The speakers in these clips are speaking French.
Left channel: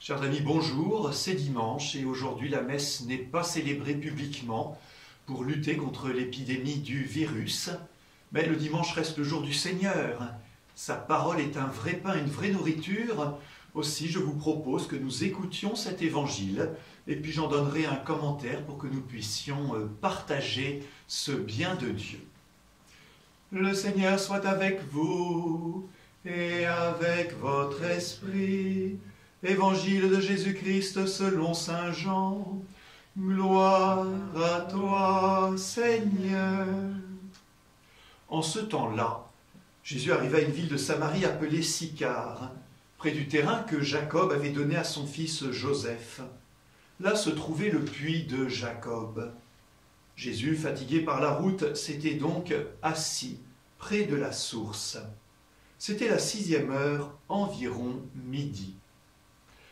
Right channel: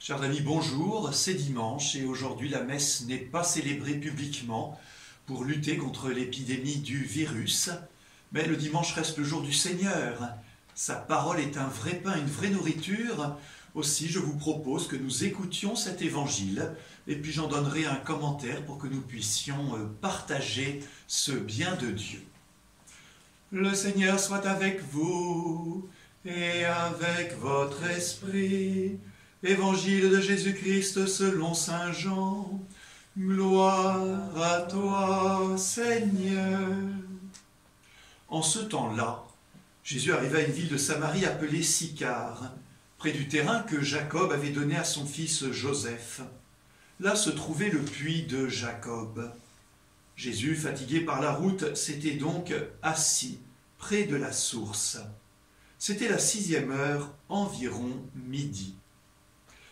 Chers amis, bonjour, c'est dimanche et aujourd'hui la messe n'est pas célébrée publiquement pour lutter contre l'épidémie du virus, mais le dimanche reste le jour du Seigneur. Sa parole est un vrai pain, une vraie nourriture. Aussi, je vous propose que nous écoutions cet évangile et puis j'en donnerai un commentaire pour que nous puissions partager ce bien de Dieu. Le Seigneur soit avec vous et avec votre esprit. Évangile de Jésus-Christ selon saint Jean. Gloire à toi, Seigneur. En ce temps-là, Jésus arriva à une ville de Samarie appelée Sychar, près du terrain que Jacob avait donné à son fils Joseph. Là se trouvait le puits de Jacob. Jésus, fatigué par la route, s'était donc assis près de la source. C'était la 6e heure, environ midi.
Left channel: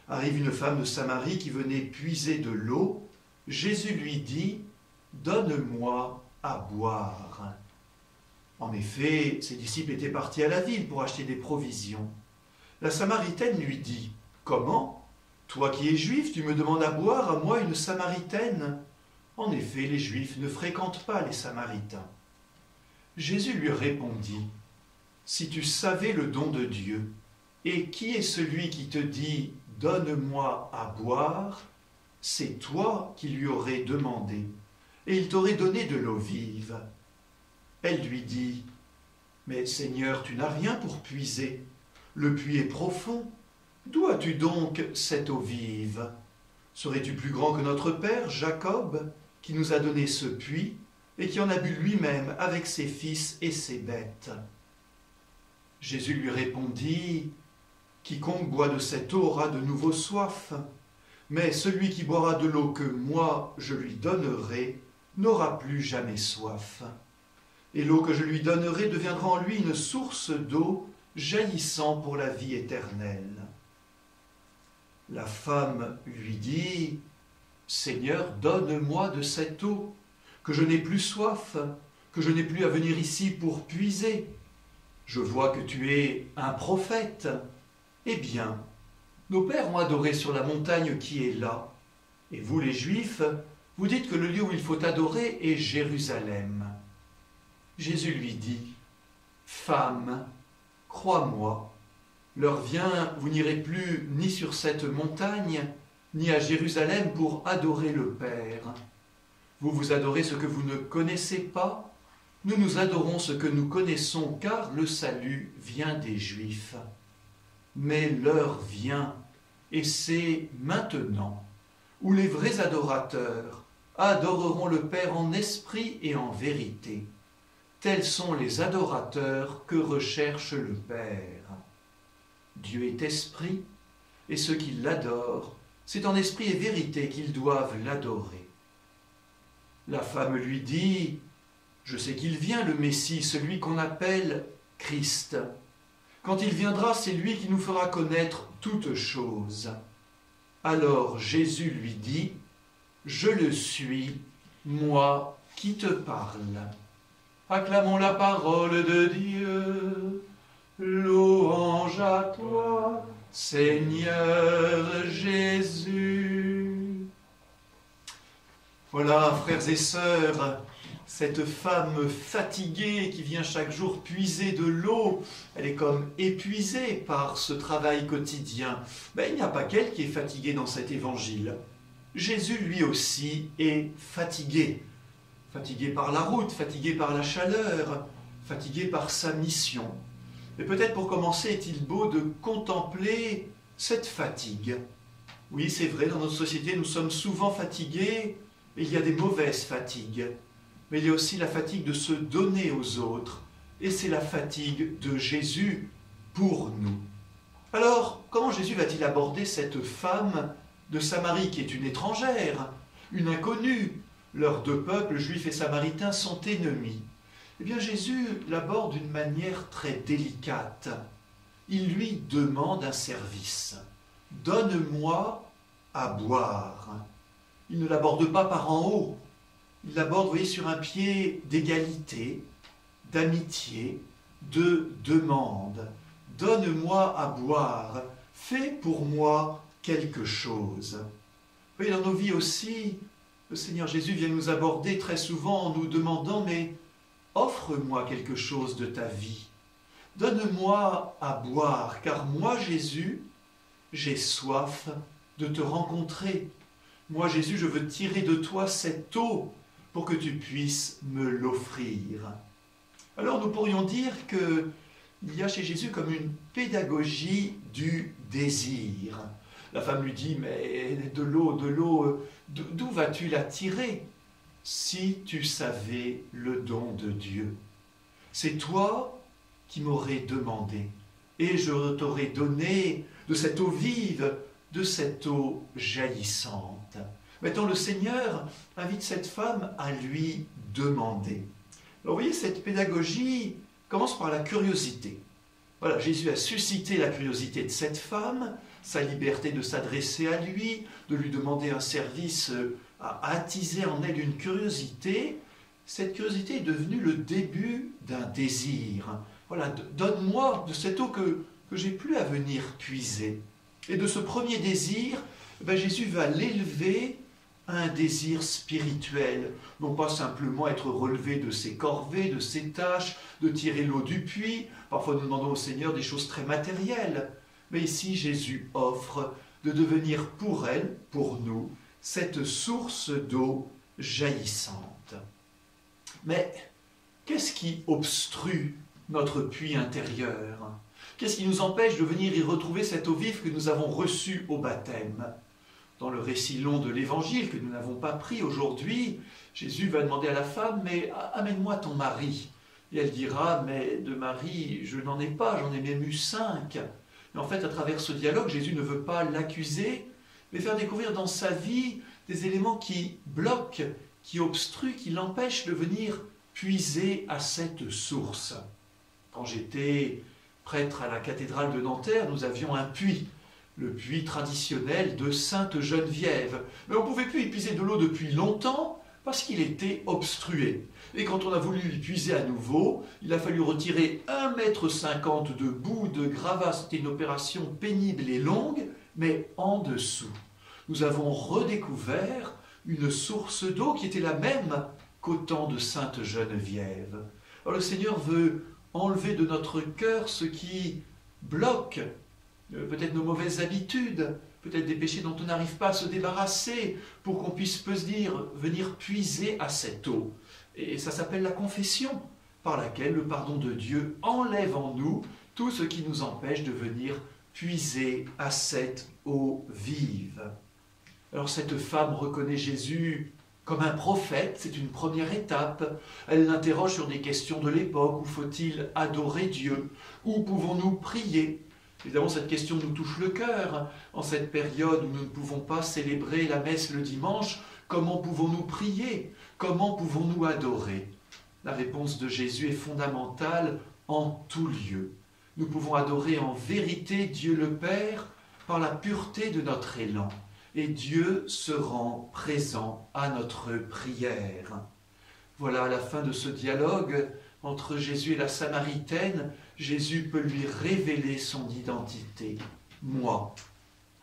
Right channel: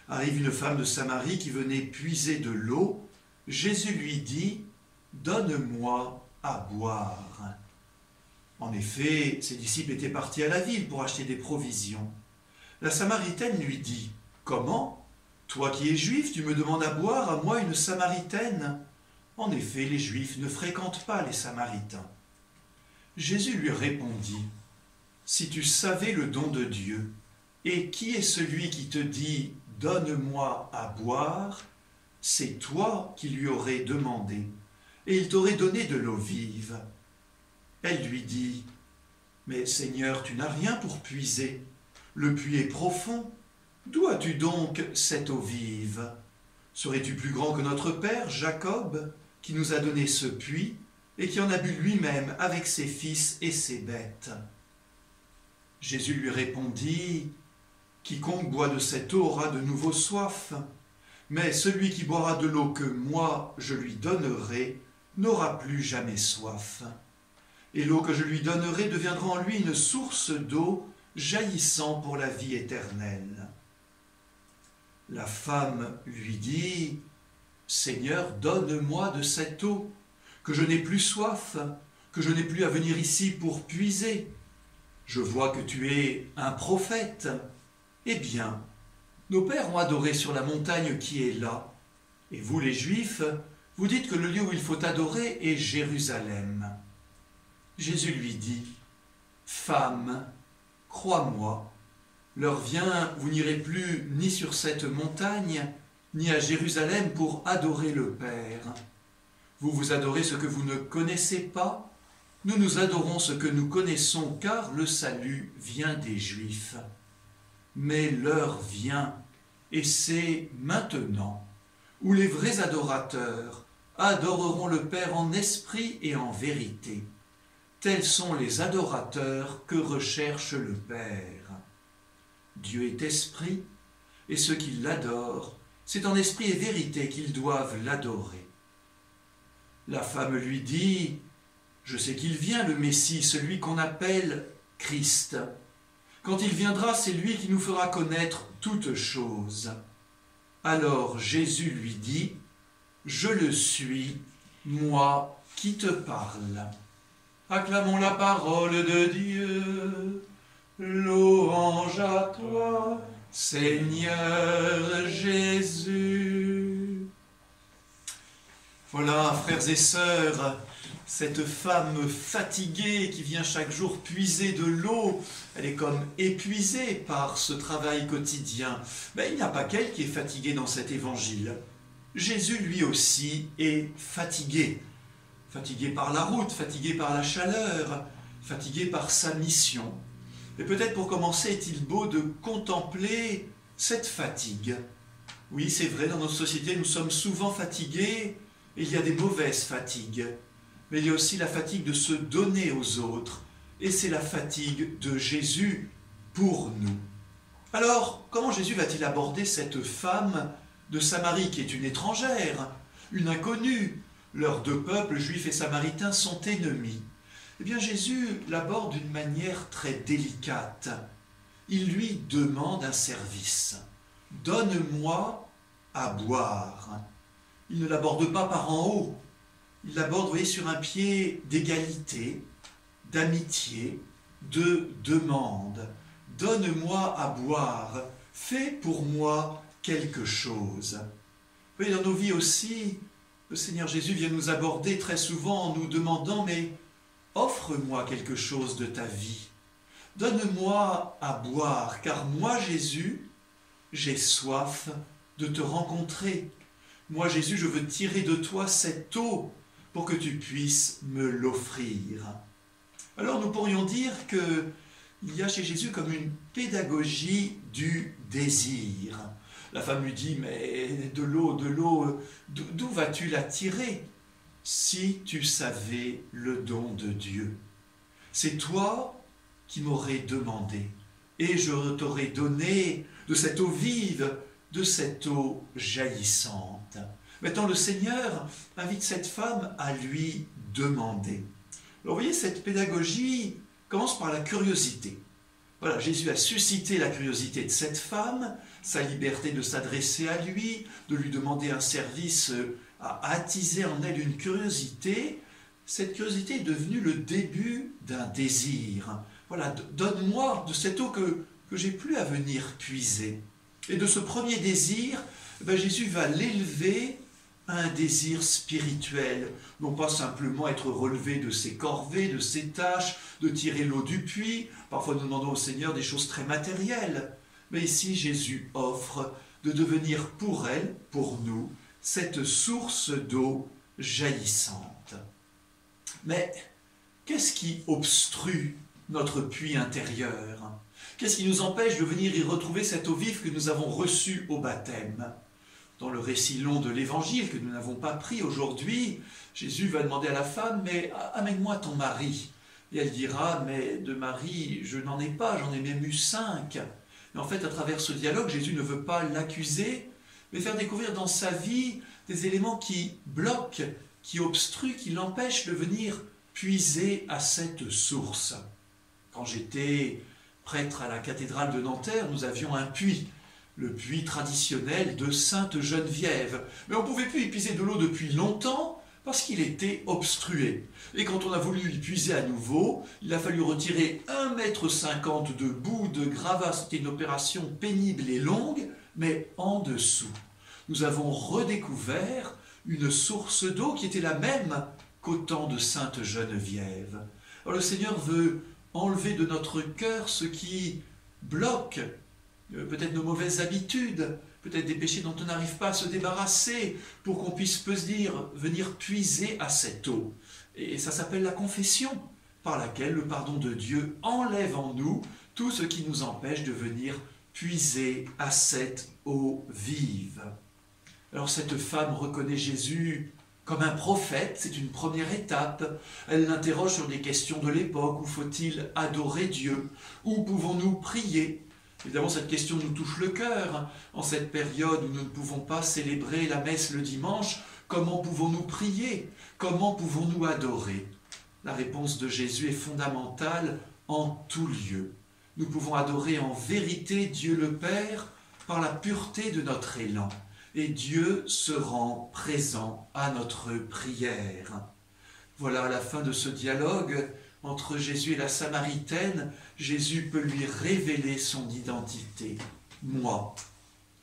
Arrive une femme de Samarie qui venait puiser de l'eau. Jésus lui dit « Donne-moi à boire ». En effet, ses disciples étaient partis à la ville pour acheter des provisions. La Samaritaine lui dit « Comment ? Toi qui es juif, tu me demandes à boire, à moi une Samaritaine ?» En effet, les Juifs ne fréquentent pas les Samaritains. Jésus lui répondit « Si tu savais le don de Dieu, et qui est celui qui te dit « Donne-moi à boire », c'est toi qui lui aurais demandé, et il t'aurait donné de l'eau vive. Elle lui dit « Mais Seigneur, tu n'as rien pour puiser, le puits est profond. D'où as-tu donc cette eau vive? Serais-tu plus grand que notre père, Jacob, qui nous a donné ce puits, et qui en a bu lui-même avec ses fils et ses bêtes ?» Jésus lui répondit « Quiconque boit de cette eau aura de nouveau soif, mais celui qui boira de l'eau que moi je lui donnerai n'aura plus jamais soif. Et l'eau que je lui donnerai deviendra en lui une source d'eau jaillissant pour la vie éternelle. » La femme lui dit « Seigneur, donne-moi de cette eau, que je n'ai plus soif, que je n'ai plus à venir ici pour puiser. Je vois que tu es un prophète. Eh bien, nos pères ont adoré sur la montagne qui est là. Et vous, les Juifs, vous dites que le lieu où il faut adorer est Jérusalem. » Jésus lui dit « Femme, crois-moi, l'heure vient, vous n'irez plus ni sur cette montagne, ni à Jérusalem pour adorer le Père. Vous vous adorez ce que vous ne connaissez pas, nous nous adorons ce que nous connaissons, car le salut vient des Juifs. Mais l'heure vient, et c'est maintenant, où les vrais adorateurs adoreront le Père en esprit et en vérité. Tels sont les adorateurs que recherche le Père. Dieu est esprit, et ceux qui l'adorent, c'est en esprit et vérité qu'ils doivent l'adorer. » La femme lui dit « Je sais qu'il vient, le Messie, celui qu'on appelle Christ. Quand il viendra, c'est lui qui nous fera connaître toutes choses. » Alors Jésus lui dit « Je le suis, moi qui te parle. » Acclamons la parole de Dieu. Louange à toi, Seigneur Jésus. Voilà, frères et sœurs, cette femme fatiguée qui vient chaque jour puiser de l'eau, elle est comme épuisée par ce travail quotidien. Mais il n'y a pas qu'elle qui est fatiguée dans cet évangile. Jésus, lui aussi, est fatigué. Fatigué par la route, fatigué par la chaleur, fatigué par sa mission. Et peut-être pour commencer, est-il beau de contempler cette fatigue. Oui, c'est vrai, dans notre société, nous sommes souvent fatigués, et il y a des mauvaises fatigues. Mais il y a aussi la fatigue de se donner aux autres, et c'est la fatigue de Jésus pour nous. Alors, comment Jésus va-t-il aborder cette femme de Samarie qui est une étrangère, une inconnue? Leurs deux peuples, juifs et samaritains, sont ennemis. Eh bien, Jésus l'aborde d'une manière très délicate. Il lui demande un service. « Donne-moi à boire ». Il ne l'aborde pas par en haut. Il l'aborde, vous voyez, sur un pied d'égalité, d'amitié, de demande. « Donne-moi à boire. Fais pour moi quelque chose. Vous voyez, dans nos vies aussi, le Seigneur Jésus vient nous aborder très souvent en nous demandant « Mais offre-moi quelque chose de ta vie. Donne-moi à boire, car moi, Jésus, j'ai soif de te rencontrer. Moi, Jésus, je veux tirer de toi cette eau pour que tu puisses me l'offrir. » Alors nous pourrions dire qu'il y a chez Jésus comme une pédagogie du désir. La femme lui dit « Mais de l'eau, d'où vas-tu la tirer? Si tu savais le don de Dieu. C'est toi qui m'aurais demandé, et je t'aurais donné de cette eau vive, de cette eau jaillissante. » Maintenant, le Seigneur invite cette femme à lui demander. Alors, vous voyez, cette pédagogie commence par la curiosité. Voilà, Jésus a suscité la curiosité de cette femme, sa liberté de s'adresser à lui, de lui demander un service, a attisé en elle une curiosité. Cette curiosité est devenue le début d'un désir. Voilà, donne-moi de cette eau que j'ai plus à venir puiser. Et de ce premier désir, Jésus va l'élever à un désir spirituel, non pas simplement être relevé de ses corvées, de ses tâches, de tirer l'eau du puits. Parfois nous demandons au Seigneur des choses très matérielles. Mais ici, Jésus offre de devenir pour elle, pour nous, cette source d'eau jaillissante. Mais qu'est-ce qui obstrue notre puits intérieur? Qu'est-ce qui nous empêche de venir y retrouver cette eau vive que nous avons reçue au baptême? Dans le récit long de l'Évangile que nous n'avons pas pris aujourd'hui, Jésus va demander à la femme « Mais amène-moi ton mari ». Et elle dira « Mais de mari, je n'en ai pas, j'en ai même eu 5 ». Et en fait, à travers ce dialogue, Jésus ne veut pas l'accuser, mais faire découvrir dans sa vie des éléments qui bloquent, qui obstruent, qui l'empêchent de venir puiser à cette source. Quand j'étais prêtre à la cathédrale de Nanterre, nous avions un puits, le puits traditionnel de Sainte-Geneviève. Mais on ne pouvait plus y puiser de l'eau depuis longtemps parce qu'il était obstrué. Et quand on a voulu y puiser à nouveau, il a fallu retirer 1,50 m de boue de gravats. C'était une opération pénible et longue, mais en dessous. Nous avons redécouvert une source d'eau qui était la même qu'au temps de Sainte-Geneviève. Alors le Seigneur veut enlever de notre cœur ce qui bloque, peut-être nos mauvaises habitudes, peut-être des péchés dont on n'arrive pas à se débarrasser, pour qu'on puisse venir puiser à cette eau. Et ça s'appelle la confession, par laquelle le pardon de Dieu enlève en nous tout ce qui nous empêche de venir puiser à cette eau vive. Alors cette femme reconnaît Jésus comme un prophète, c'est une première étape. Elle l'interroge sur des questions de l'époque. Où faut-il adorer Dieu? Où pouvons-nous prier? Évidemment, cette question nous touche le cœur. En cette période où nous ne pouvons pas célébrer la messe le dimanche, comment pouvons-nous prier? Comment pouvons-nous adorer? La réponse de Jésus est fondamentale en tout lieu. Nous pouvons adorer en vérité Dieu le Père par la pureté de notre élan. Et Dieu se rend présent à notre prière. Voilà, à la fin de ce dialogue entre Jésus et la Samaritaine, Jésus peut lui révéler son identité. Moi,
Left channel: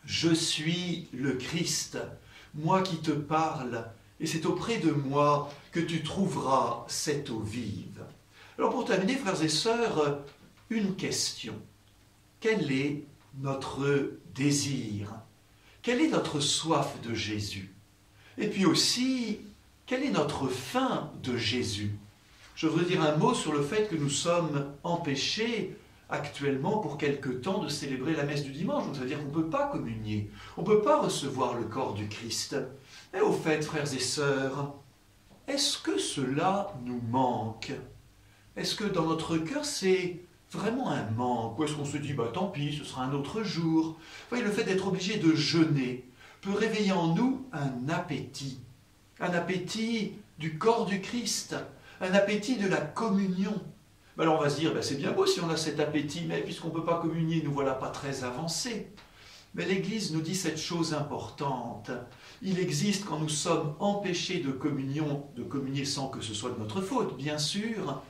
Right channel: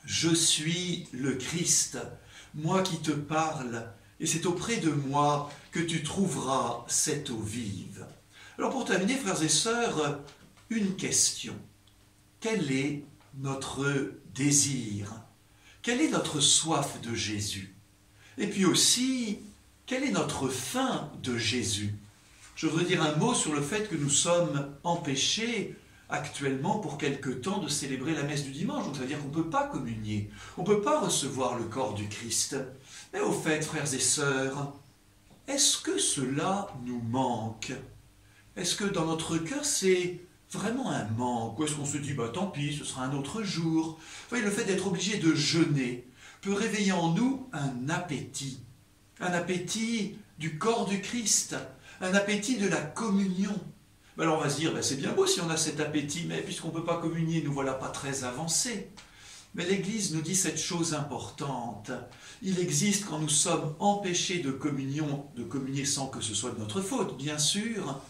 je suis le Christ, moi qui te parle, et c'est auprès de moi que tu trouveras cette eau vive. Alors pour terminer, frères et sœurs, une question. Quel est notre désir ? Quelle est notre soif de Jésus? Et puis aussi, quelle est notre faim de Jésus? Je voudrais dire un mot sur le fait que nous sommes empêchés actuellement pour quelque temps de célébrer la messe du dimanche. Donc ça veut dire qu'on ne peut pas communier, on ne peut pas recevoir le corps du Christ. Mais au fait, frères et sœurs, est-ce que cela nous manque? Est-ce que dans notre cœur c'est vraiment un manque? Ou est-ce qu'on se dit, tant pis, ce sera un autre jour? Vous voyez, le fait d'être obligé de jeûner peut réveiller en nous un appétit du corps du Christ, un appétit de la communion. Alors on va se dire, c'est bien beau si on a cet appétit, mais puisqu'on ne peut pas communier, nous voilà pas très avancés. Mais l'Église nous dit cette chose importante. Il existe, quand nous sommes empêchés de communier sans que ce soit de notre faute, bien sûr,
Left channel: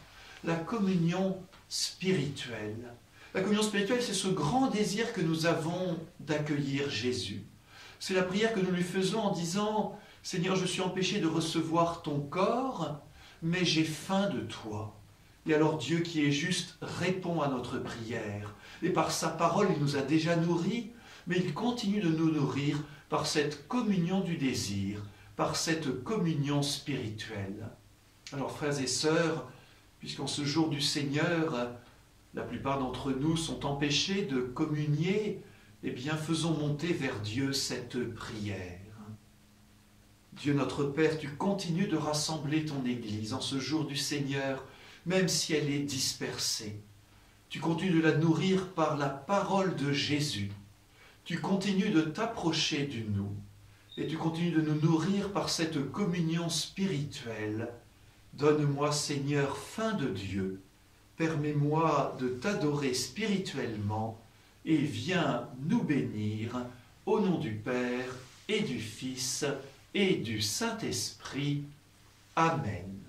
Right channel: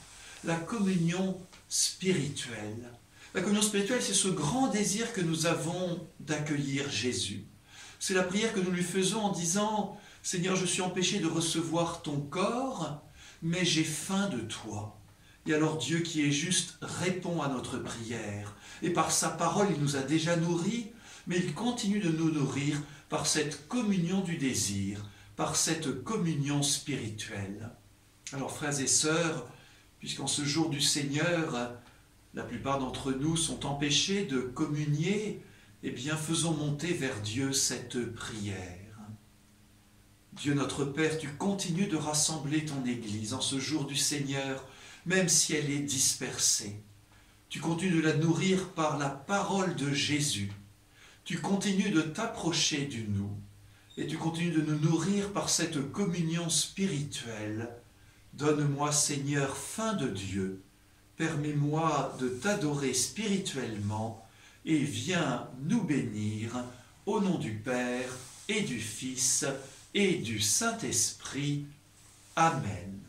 la communion spirituelle. La communion spirituelle, c'est ce grand désir que nous avons d'accueillir Jésus. C'est la prière que nous lui faisons en disant « Seigneur, je suis empêché de recevoir ton corps, mais j'ai faim de toi. » Et alors Dieu qui est juste répond à notre prière. Et par sa parole, il nous a déjà nourris, mais il continue de nous nourrir par cette communion du désir, par cette communion spirituelle. Alors frères et sœurs, puisqu'en ce jour du Seigneur, la plupart d'entre nous sont empêchés de communier, eh bien faisons monter vers Dieu cette prière. Dieu notre Père, tu continues de rassembler ton Église en ce jour du Seigneur, même si elle est dispersée. Tu continues de la nourrir par la parole de Jésus. Tu continues de t'approcher du nous. Et tu continues de nous nourrir par cette communion spirituelle. Donne-moi, Seigneur, faim de Dieu. Permets-moi de t'adorer spirituellement et viens nous bénir au nom du Père et du Fils et du Saint-Esprit. Amen.